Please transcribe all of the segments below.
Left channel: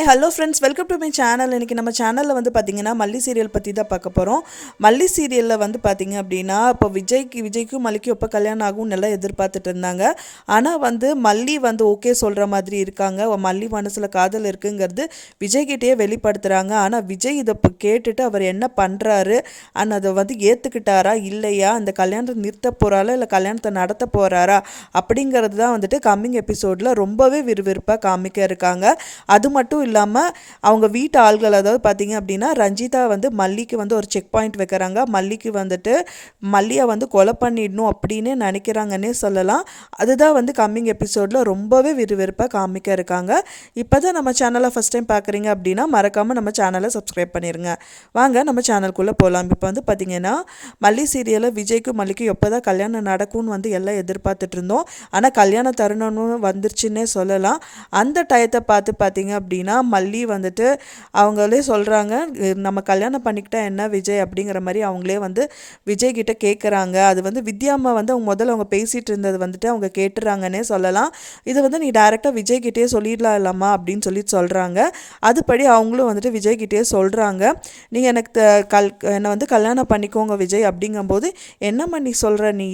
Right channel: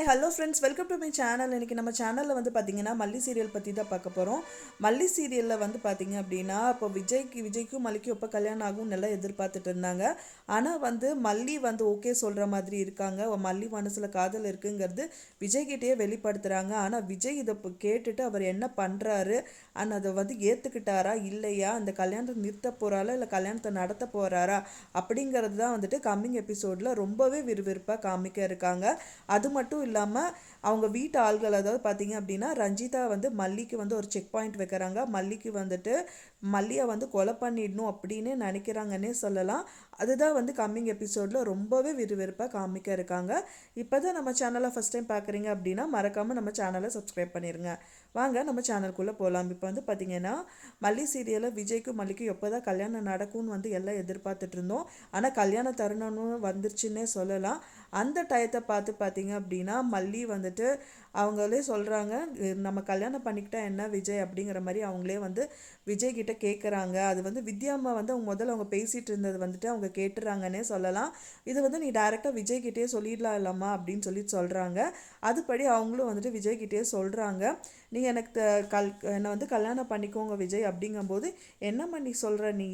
Hi hello friends welcome to my channel இன்றைக்கி நம்ம சேனலில் வந்து பார்த்திங்கன்னா மல்லி சீரியல் பற்றி தான் பார்க்க போகிறோம் மல்லி சீரியலில் வந்து பார்த்திங்க அப்படின்னா இப்போ விஜய்க்கு விஜய்க்கும் மல்லிக்கும் எப்போ கல்யாணம் ஆகும் நல்லா எதிர்பார்த்துட்டு இருந்தாங்க. ஆனால் வந்து மல்லி வந்து ஓகே சொல்கிற மாதிரி இருக்காங்க. மல்லி மனசில் காதல் இருக்குங்கிறது விஜய்கிட்டயே வெளிப்படுத்துகிறாங்க ஆனால் விஜய் இதை இப்போ கேட்டுட்டு அவர் என்ன பண்ணுறாரு அண்ட் அதை வந்து ஏற்றுக்கிட்டாரா இல்லையா? அந்த கல்யாணத்தை நிறுத்த போகிறாரா இல்லை கல்யாணத்தை நடத்த போகிறாரா அப்படிங்கிறது தான் வந்துட்டு கம்மிங் எபிசோடில் ரொம்பவே விறுவிறுப்பாக காமிக்க இருக்காங்க. அது மட்டும் இல்லாமல் அவங்க வீட்டு ஆள்கள் அதாவது பார்த்தீங்க அப்படின்னா ரஞ்சிதா வந்து மல்லிக்கு வந்து ஒரு செக் பாயிண்ட் வைக்கிறாங்க. மல்லிக்கு வந்துட்டு மல்லியை வந்து கொலை பண்ணிடணும் அப்படின்னு நினைக்கிறாங்கன்னே சொல்லலாம். அதுதான் வந்து கம்மிங் எபிசோடில் ரொம்பவே விறுவிறுப்பாக காமிக்க இருக்காங்க. இப்போ தான் நம்ம சேனலை ஃபஸ்ட் டைம் பார்க்குறீங்க அப்படின்னா மறக்காமல் நம்ம சேனலை சப்ஸ்கிரைப் பண்ணிடுங்க வாங்க நம்ம சேனலுக்குள்ளே போகலாம் இப்போ வந்து பார்த்தீங்கன்னா மல்லி சீரியலில் விஜய்க்கும் மல்லிக்கும் எப்போ தான் கல்யாணம் நடக்கும்னு வந்து எல்லாம் எதிர்பார்த்துட்டு இருந்தோம். ஆனால் கல்யாண தருணம்னு வந்துருச்சுன்னே சொல்லலாம். அந்த டயத்தை பார்த்து பார்த்தீங்க அப்படின்னா மல்லி வந்துட்டு அவங்களே சொல்கிறாங்க நம்ம கல்யாணம் பண்ணிக்கிட்டா என்ன விஜய் அப்படிங்கிற மாதிரி அவங்களே வந்து விஜய் கிட்ட கேட்குறாங்க அது வந்து வித்யாம்மா வந்து அவங்க முதல்ல அவங்க பேசிகிட்டு இருந்தது வந்துட்டு அவங்க கேட்டுறாங்கன்னே சொல்லலாம். இது வந்து நீ டைரெக்டாக விஜய் கிட்டே சொல்லிடலாம் இல்லாமா அப்படின்னு சொல்லி சொல்கிறாங்க அதுபடி அவங்களும் வந்துட்டு விஜய் கிட்டே சொல்கிறாங்க நீங்கள் எனக்கு த- கல் என்னை வந்து கல்யாணம் பண்ணிக்கோங்க விஜய் அப்படிங்கும்போது என்னம்மா நீ சொல்கிற நீ?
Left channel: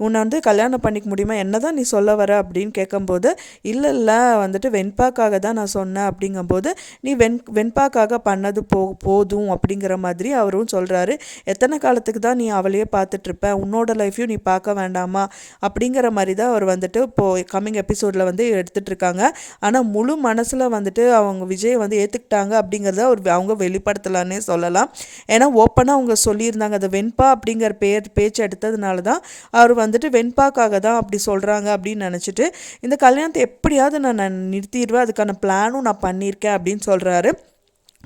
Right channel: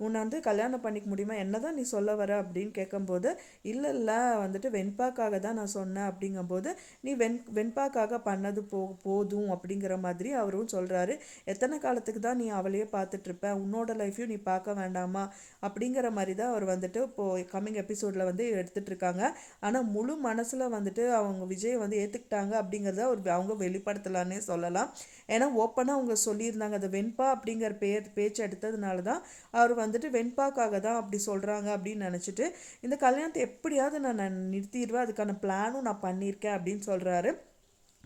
உன்னை வந்து கல்யாணம் பண்ணிக்க முடியுமா? என்ன தான் நீ சொல்ல வர அப்படின்னு கேட்கும்போது இல்லை இல்லை வந்துட்டு வெண்பாக்காக தான் நான் சொன்னேன் அப்படிங்கும்போது நீ வெண் வெண்பாக்காக பண்ணது போ போதும் அப்படிங்கிற மாதிரி அவரும் சொல்கிறாரு எத்தனை காலத்துக்கு தான் நீ அவளையே பார்த்துட்ருப்ப? உன்னோட லைஃப்பையும் நீ பார்க்க வேண்டாமா? அப்படிங்கிற மாதிரி தான் அவர் வந்துட்டு இப்போது கம்மிங் எபிசோடில் வந்து எடுத்துட்டு இருக்காங்க ஆனால் முழு மனசில் வந்துட்டு அவங்க விஜய் வந்து ஏற்றுக்கிட்டாங்க அப்படிங்கிறத அவர் அவங்க வெளிப்படுத்தலான்னே சொல்லலாம். ஏன்னா ஓப்பனாக அவங்க சொல்லியிருந்தாங்க அந்த வெண்பா அப்படிங்கிற பேர் பேச்சு எடுத்ததுனால தான் அவர் வந்துட்டு வெண்பாக்காக தான் அப்படி சொல்கிறாங்க அப்படின்னு நினச்சிட்டு இந்த கல்யாணத்தை எப்படியாவது நான் நான் நிறுத்திடுவேன். அதுக்கான பிளானும் நான் பண்ணியிருக்கேன் அப்படின்னு சொல்கிறாரு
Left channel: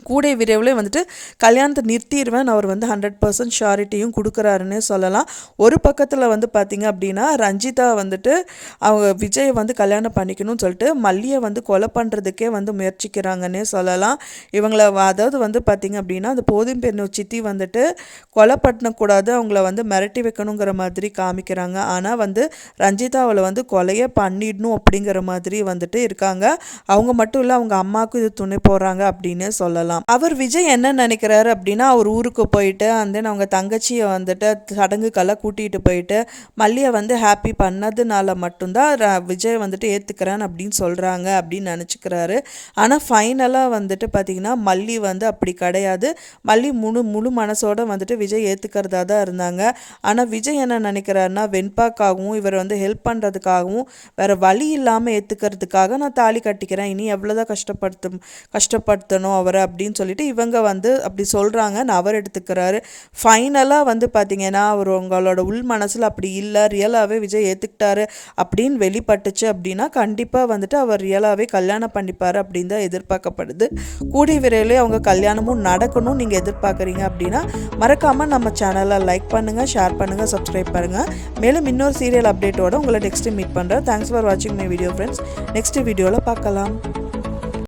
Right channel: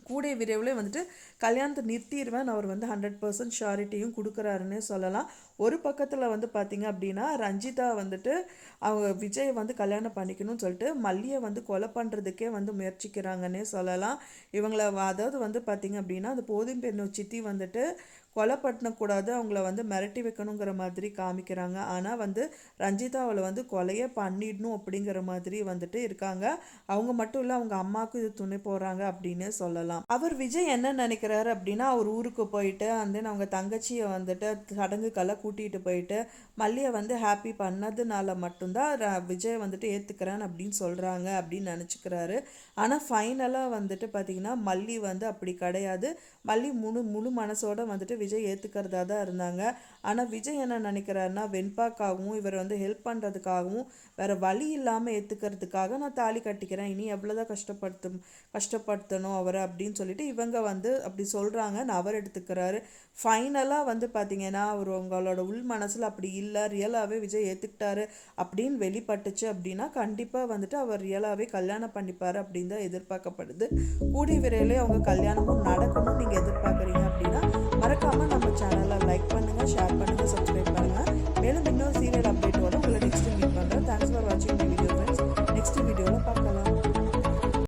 கூடிய விரைவில் வந்துட்டு கல்யாணத்தை நிறுத்திடுவேன் அவர் வந்து ஹண்ட்ரட் பர்சன்ட் ஷாரிட்டியும் கொடுக்குறாருன்னே சொல்லலாம். ஒரு பக்கத்தில் வந்து பார்த்திங்க அப்படின்னா ரஞ்சிதா வந்துட்டு அவங்க விஜயை வந்து கல்யாணம் பண்ணிக்கணும்னு சொல்லிட்டு மல்லியை வந்து கொலை பண்ணுறதுக்கே வந்து முயற்சிக்கிறாங்கன்னே சொல்லலாம். இவங்கள அதாவது வந்து பார்த்திங்க அப்படின்னா அந்த போதும் பெண்ணு சித்தி வந்துட்டு கொலை பண்ணக்கூடாது அவங்கள வந்து மிரட்டி வைக்கணுங்கிற மாதிரி காமிக்கிறாங்க. ஆனால் வந்து ரஞ்சிதா அவளை வந்து கொலையே பண்ணிடணும் அப்படிங்கிற மாதிரி வந்துட்டு இருக்காங்க. அவங்க மட்டும் இல்லை அவங்க அம்மாவுக்கும் இது துணை போடுறாங்க அப்படின்னு சொல்லலாம். அவர் விஜய் என்ன நினைக்கிறாரு அப்படின்னா அவர் ஊருக்கு போயிட்டு அந்த அவங்க தங்கச்சியை வந்துட்டு சடங்குக்கெல்லாம் கூட்டிகிட்டு போயிட்டு மல்லியை வந்து ஹாப்பி பண்ணதுனால மட்டும்தான் ர- விஜய் வந்துட்டு ஏற்றுக்கிறேன் அப்படின்னு சொல்கிறாங்க அப்படின்னு நினச்சிக்கிறாரு. ஆனால் ஃபைனலாக வந்துட்டு பார்த்திங்கன்னா மல்லி வந்து அப்படி கிடையாது. மல்லி முழு முழு மனசோட வந்துட்டு விஜய் ஏற்றுக்கிறதா தான் இருந்தாங்க. ஆனால் விஜய் என்ன நினைக்கிறாருன்னா வெண்பாக்காகவும் இவர் வந்து ஹெல்ப் பண்ணுறதுக்காகவும் வேறு வழி இல்லாமல் ஏற்றுக்கிறதுக்காக நான் தாலி கட்டிக்கிறேன். இனி எவ்வளோதான் கஷ்டப்படுத்தும் கஷ்டப்படுத்தணும் அவரை அப்படின்னு சொல்லிட்டு இவங்க வந்து அப்படி சொல்கிறாங்கன்னு அவர் எடுத்துக்கிறாரு. ஃபைனலாக வந்து பார்த்தீங்கன்னா அவர் உங்களோட உள் மனசில் அப்படி இல்லை ரியலாகவே விஜய் ஏற்றுக்கிட்டாரு அப்படின்னு வெளிப்பட்டுச்சு அப்படின்னா கண்டிப்பாக வந்துட்டு அவர் ரியலாகவே கல்யாணம் பண்ணிப்பார் அப்படின்னு தான் எதிர்பார்க்கப்படுது. கூடிய விரைவிலே அவங்க கல்யாணமும் நடக்கணும் நீங்கள் எதிர்பார்க்குறீங்க அப்படின்னா மறக்காமல் நம்ம சேனலை லைக் பண்ணுங்கள் ஷேர் பண்ணுங்கள் சப்ஸ்கிரைப் பண்ணுங்கள் மேலும் இன்னொரு சீரியல் அப்டேட்டோட உங்களை நெக்ஸ்ட்டு மீட் பண்ணுறேன் தேங்க்ஸ் ஃபார் வாட்சிங் மை வீடியோ ஃப்ரெண்ட்ஸ் நெக்ஸ்ட் வீடியோவில் பார்க்கலாம்.